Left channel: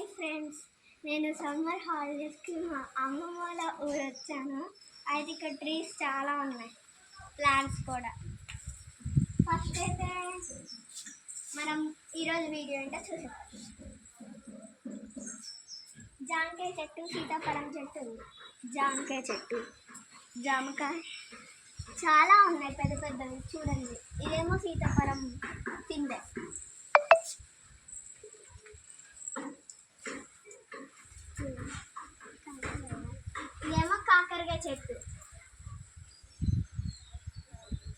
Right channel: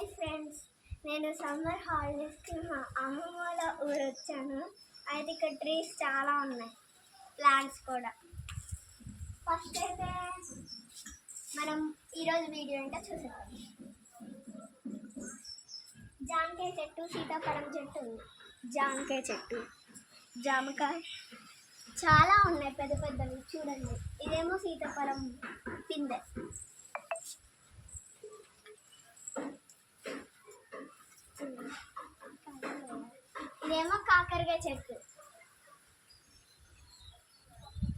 Hi friends, నేను summer హాలిడేస్కి మా అమ్మమ్మ వాళ్ళ ఊరు వచ్చాను. అయితే ఇక్కడ ట్రీస్ చాలా ఉన్నాయి, ప్లాంట్స్ కూడా. ఫస్ట్ అయితే మనం ఈరోజు వీడియో అంటే చూసేద్దాం. జామకాయ చెట్టు, సీతాఫలం చెట్టు ఉంది. జామకాయ చెట్టు, జామకాయ చాలా ఉన్నాయి, పెద్ద పెద్దవి చూడండి. ఇదేమో సీతాఫలం పిందె. ఇదేమో కాకరకాయ చెట్టు.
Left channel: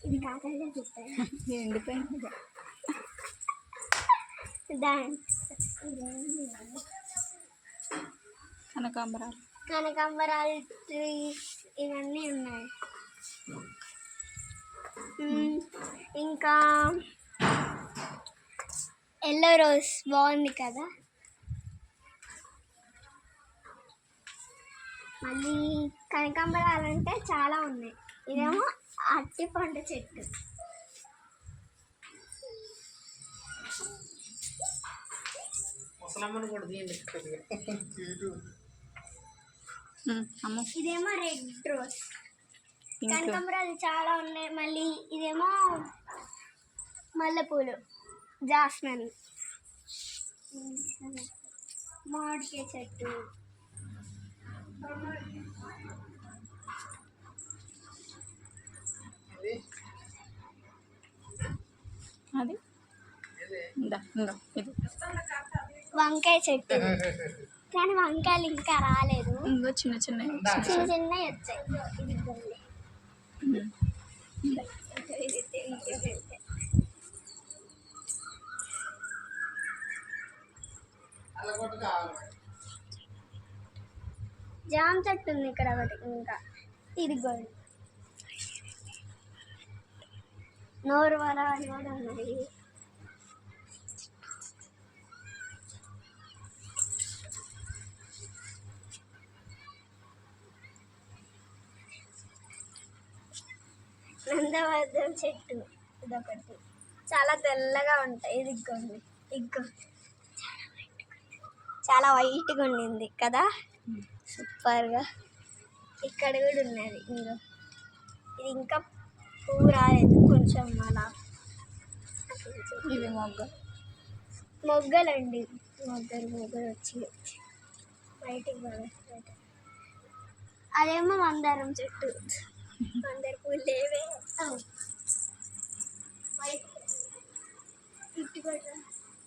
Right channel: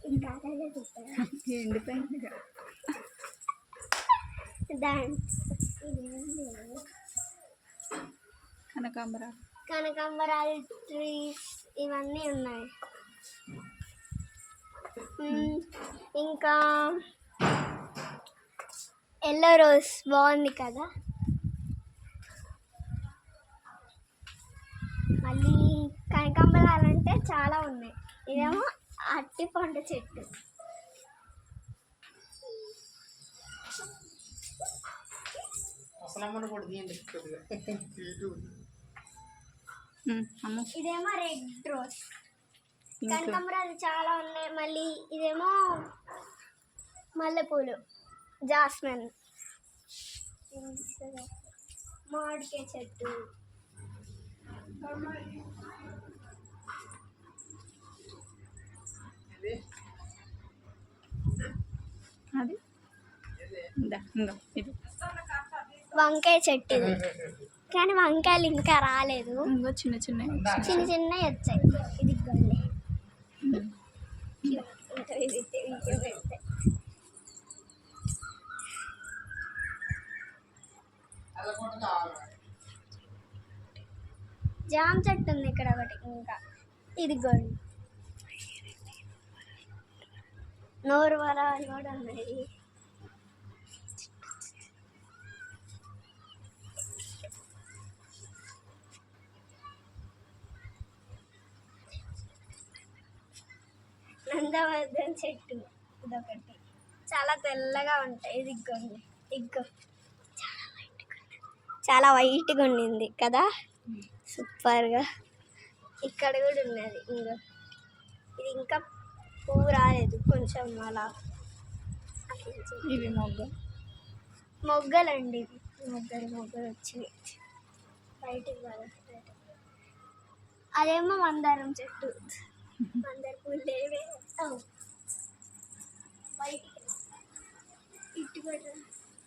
ఇది కాకరకాయ చెట్టు ఎండిపోయింది. కనకాంబరాలు ట్రీస్ ఇవన్నీ ఉన్నాయి. ఇంకా ఎల్లో రోజ్ బాగుంది కదా. మళ్ళీ కనకాంబరాలు అంటే చాలా ఉన్నాయి. ఇదేమో అరటి పండు చెట్టు. ఇదేమో రెడ్ రోజ్. కనకాంబరాలు చాలా ఉన్నాయి. మళ్ళీ ఇదేమో మల్లెపూలు, జాస్మిన్. మామిడికాయ చెట్టు. అది వంకాయ చెట్టు, కానీ వంకాయలు ఇంకా రాలేదు. ఇంకో చిన్న చిన్న చిన్నవి వచ్చాయి. ఇది జామ చెట్టు ఉంది ఇక్కడ ఒకటి. ఇంకా ఇది గోల్డ్ నోరు వరాలు కూడా ఉన్నాయి. నందవర్ధం చెట్టు ఇదొకటి, చాలా తెల్లగా ఉంటాయి. ఇది ఇగ్గోండి, చాలా వైట్గా ఉండింది కదా, సూపర్గా. ఇక్కడ కూడా ఉన్నది. ఇంకో ఇది ఇంకా పువ్వు రాలేదు, కొంచెం అలా. ఇవి మొగ్గలండి, మొగ్గలు వచ్చి బయటికి పడతాయి. అదేమో మందారం చెట్టు. మందార పూలు లేవే. బయటికి ఇటు పడరా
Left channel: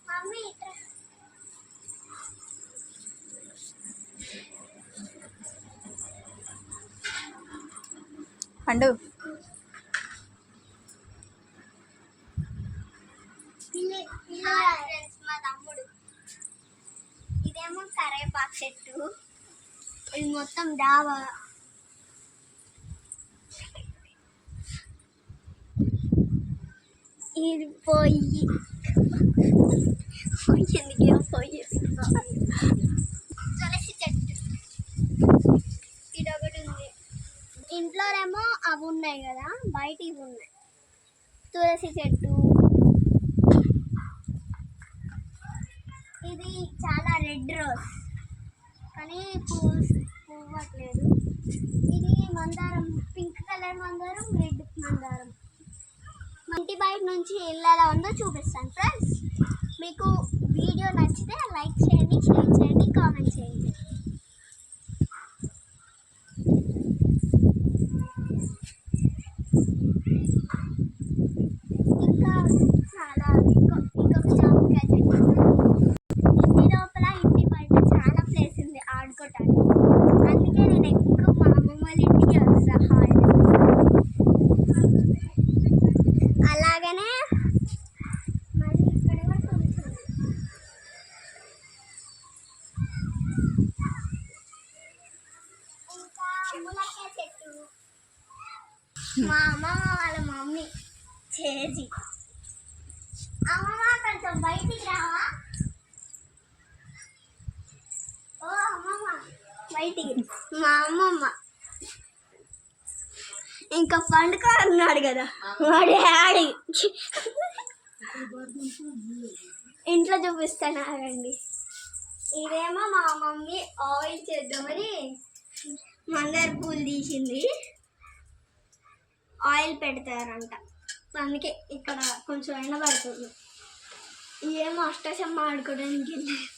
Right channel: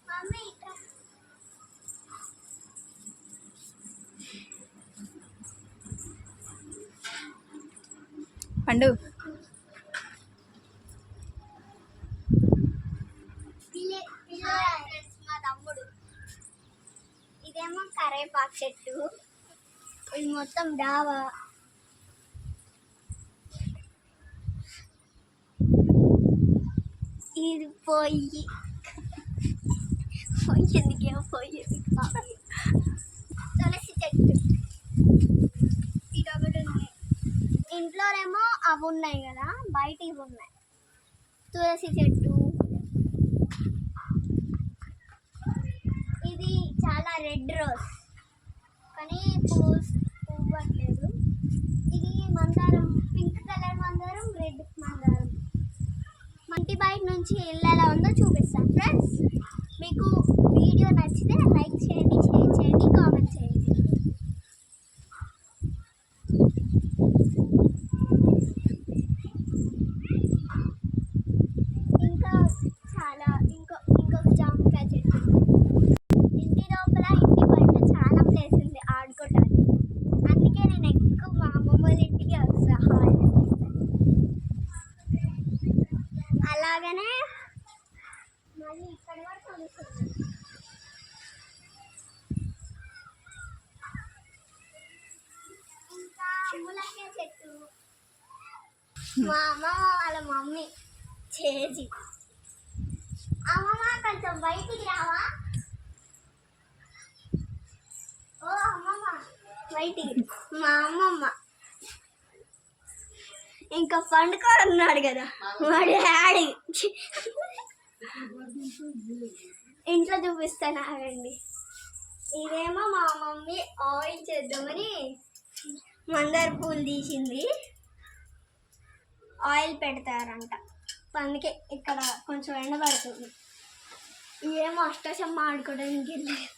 మమ్మీ, ఇట్రా. పండు ఫ్రెండ్స్, మా తమ్ముడు. ఇదేమో కరేపాకు చెట్టు. ఇది మొత్తం డాబా. ఇది పొయ్యి. తులసి చెట్టు ఇదొకటి ఉంది. ఇంట్లోనేమో అవి ఉన్నాయి కదా, బయట ఇవి ఉన్నాయి. తులసి చెట్టు. ఇది చాలా రెడ్ రోజ్, కానీ పువ్వట్లేదు. ఇది మందారం, పింక్ కలర్ మందారం, రెడ్ మందారం. ఇంటి బయట నుంచి ఎలా ఉందో చూపిస్తాను ఫ్రెండ్స్. మీకు వీడియో నచ్చితే లైక్ చేయండి, షేర్ చేయండి, కామెంట్ చేయండి. ఇంకా చాలా ఇంకొక జామకాయ చెట్టు. ఇంటి లోపల, ఇంటి బయట చాలా ప్లేస్ ఉంది ఆడుకోవటానికి. అందుకే నేను ఎక్కువ మా అమ్మమ్మ వాళ్ళ ఇంటికి వస్తా. అలాగనే మరి ఇక్కడ కూడా చూపిస్తుంది. ఇంకా ములక్కాయ చెట్టు. మా అమ్మమ్మ వాళ్ళ మమ్మీ చేసి. అమ్మమ్మ కొంచెం బయటికి రావా? ఓ అమ్మమ్మ బయటికి. మా అమ్మమ్మ ఇంకా పండుకోన్నాడు కదా మా డాడీ. ఇంట్లో చూపిస్తాను ఆగండి. ఇదేమో ఆయిల్ చేద్దామని మందార పూలు తీసింది. ఆయిల్ పెడతారంట, అందుకే ఇక్కడ కొంచెం ఎండ పడుతుంది. ఏమో అష్టాచమ్మ ఆడుకోవడానికి వెళ్ళారు.